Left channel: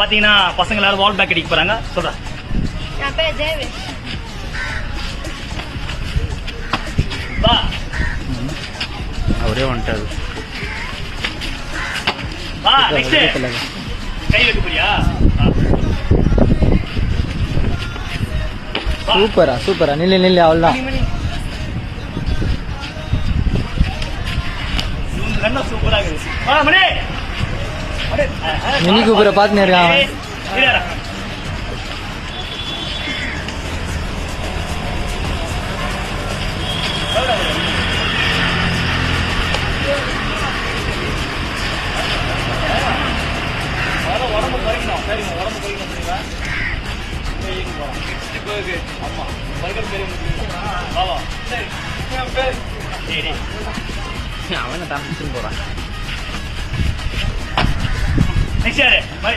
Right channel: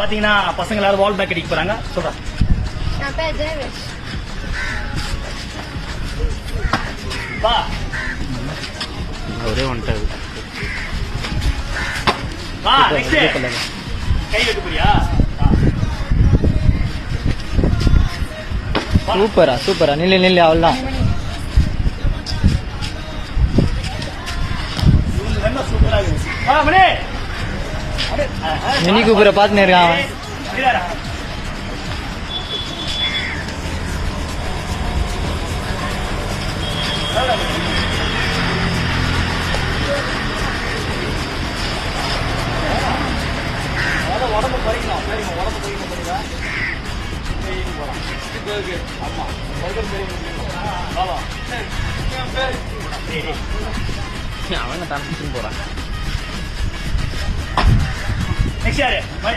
பாத்தீங்கன்னா பசங்க எல்லாரும் வால் பேக் அடிக்க போறாங்க. சொல்றேன். என் பேர் ஜெயவேஷ். வா அவரே வந்துட்டாரு. வா நெக்ஸ்ட் கை வைக்க போறியா? சூப்பரா சூப்பரா. நில்லு அவள்தான். சூப்பரா இருக்கு. மினி கூப்பரை பார்த்துன்னு இருக்கான். உடம்பு குறைக்கணும். சரிங்க, உடம்பு குறைக்கணும். சரிங்களா? ஆமா, பர்கர் சரி அவனை தான் போறான். நெக்ஸ்ட் யாரு?